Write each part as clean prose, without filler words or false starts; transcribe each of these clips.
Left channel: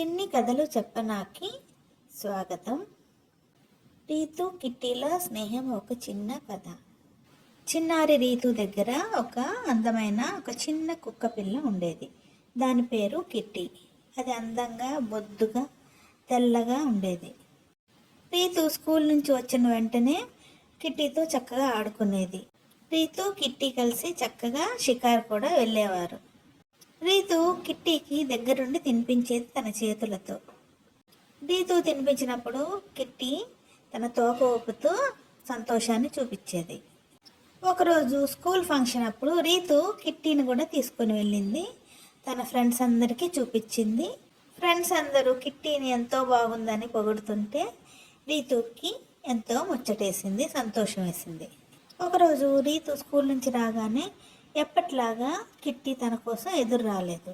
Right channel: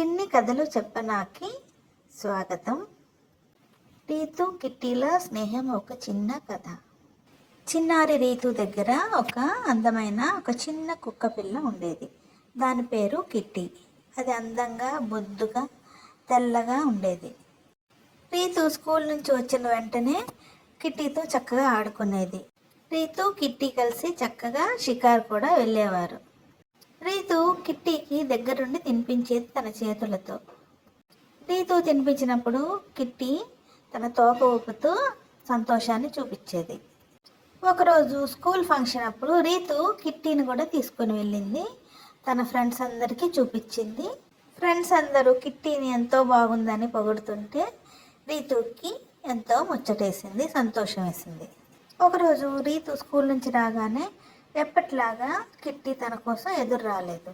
చిన్ని కథలు చెప్పనాకి స్వాగతం. రీతు కిట్టీల స్నేహం ఒక చిన్న కథ. చిన్నారి రీతు దగ్గర ఒక చిన్న కుక్క పిల్ల ఉండేది. దాని పేరు కిట్టి. అది అందంగా, బొద్దుగా, తెల్లగా ఉండేది. రీతు స్కూల్ నుంచి వచ్చిన వెంటనే కిట్టీతో చక్కగా ఆడుకునేది. రీతు, కిట్టి కలిసి చక్కగా షికారు కూడా వెళ్ళేవారు. రీతు కిట్టీకి దగ్గరుండి తినిపించేది తన చేతులతో. రీతు తినిపించినప్పుడు కిట్టి తన తోక ఊపుతూ సంతోషాన్ని చూపించేది. ఒకరోజు స్కూల్ ఫంక్షన్ అప్పుడు రీతు కిట్టీని కూడా తీసుకొని వెళ్ళింది. తన ఫ్రెండ్స్ అందరికీ చూపించింది. ఫ్రెండ్స్ అందరూ కిట్టీని ఎంతో బాగుందని పొగుడుతుంటే రీతుకి ఎంతో ముచ్చటేసింది, సంతోషం వేసింది. ఒకరోజు రీతు స్కూల్ నుంచి రాగానే ఎప్పట్లాగా కిట్టి తన కోసం ఎదురు రాలేదు.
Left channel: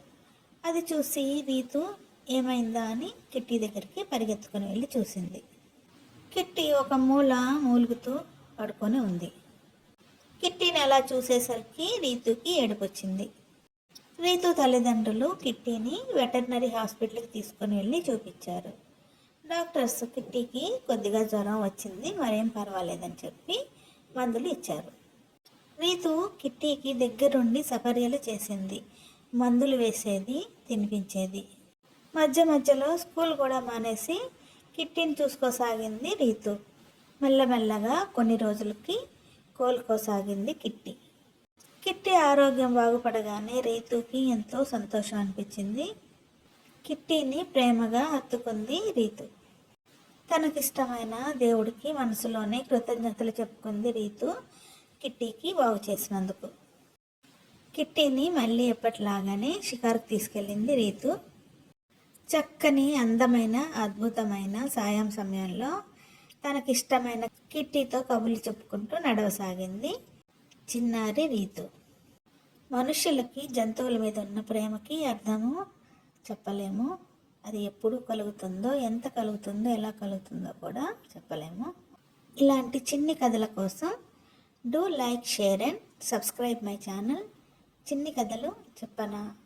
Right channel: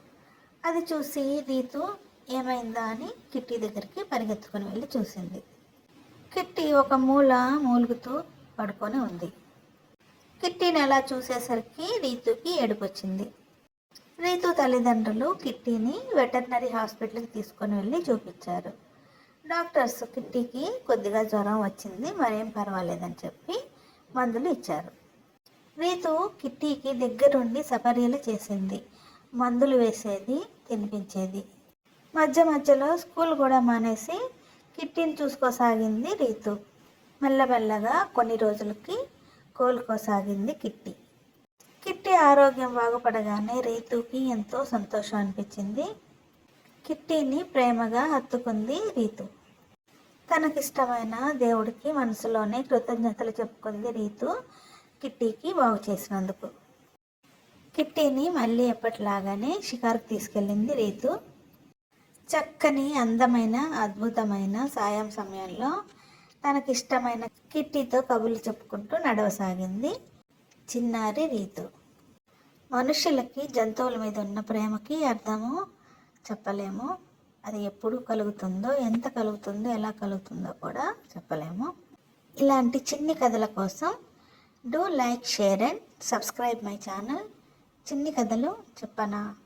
అది చూసి రీతు ఏమైందా అని కిట్టి దగ్గరికి పరిగెత్తుకొని వెళ్ళి చూసింది. కిట్టి ఒక మూలుగుతూ పడుకొని ఉంది. కిట్టీని అలా చూసేసరికి రీతుకి ఏడుపొచ్చింది. రీతు తల్లిదండ్రులు కిట్టీని వెటర్నరీ హాస్పిటల్కి తీసుకొని వెళ్ళి చూపించారు. డాక్టర్స్ కిట్టీకి కొద్దిగా జ్వరం వచ్చింది, మరేం పర్వాలేదని చెప్పి మందులు ఇచ్చారు. రీతు కిట్టీకి దగ్గరుండి సపర్యలు చేసింది. మందులు వేసేది, తినిపించేది. మధ్యలో స్కూల్ కూడా మానేసి కిట్టీని చూసుకోసాగింది రీతు. మెల్లమెల్లగా కొన్ని రోజులకి కోలుకోసాగింది కిట్టి. కిట్టి ఆరోగ్యం బాగుపడగానే రీతుకి ఎంతో సంతోషం అనిపించింది. కిట్టీని ప్రేమగా హత్తుకుంది రీతు. తనకిష్టమైన దేవుడికి మనసులోనే కృతజ్ఞతలు చెప్పుకుంది రీతు కిట్టీకి బాగు చేసినందుకు. కిట్టీని మళ్ళీ ఎప్పటిలాగానే షికారుకు తీసుకెళ్ళింది రీతు. చక్కని, అందమైన, అద్భుతమైన సాయం సమయంలో తనకిష్టమైన కిట్టీతో కబుర్లు చెప్పుకుంటూ నడవసాగింది చిన్నారి రీతు. మనుషులకి జంతువుల మీద ఉన్న ప్రేమకి అర్థము చెప్పలేము. అది ఎప్పుడు కలుగుతుందో, ఎంత కలుగుతుందో, ఎలా కలుగుతుందో కూడా చెప్పలేము. ఇలాంటి చిన్ని కథల కోసం do like, share and subscribe my channel. చిన్ని కథలు చెప్పనా.